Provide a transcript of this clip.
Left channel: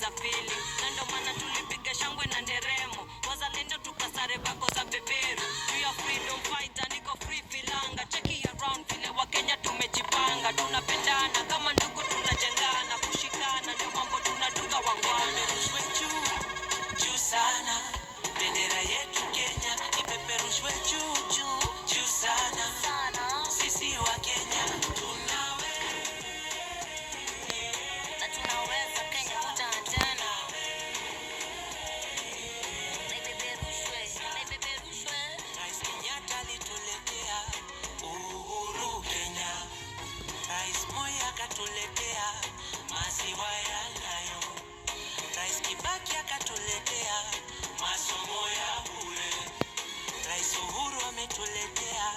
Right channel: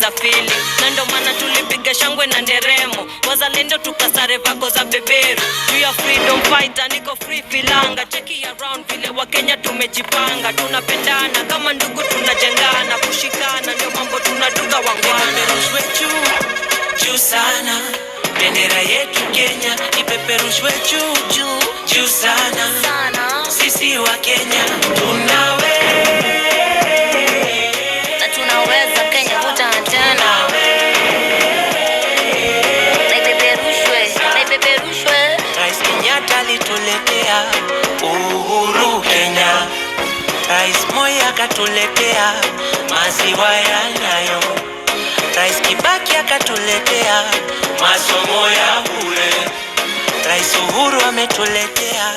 za pili na ndo maana tulipiga shangwe na nderemo, wazalendo tukasare vako za beberu. We are freedom fighter, niko free filanga. Cheki around vile wa Kenya tumejipanga, tunapendana kama ndugu, tunajengana, kushikana ndio mambo tunaduga wangwana. Ipeperushwe juu sana bendera yetu Kenya, ipeperushwe juu sana. Sisi wa Kenya tunaweza Kenya tena. Rais Kenyatta alituletea uhuru Kenya, Rais Moi akatuletea maziwa ya Nyayo, Rais Kibaki akatuletea masomo ya bure, Rais Uhuru ametuletea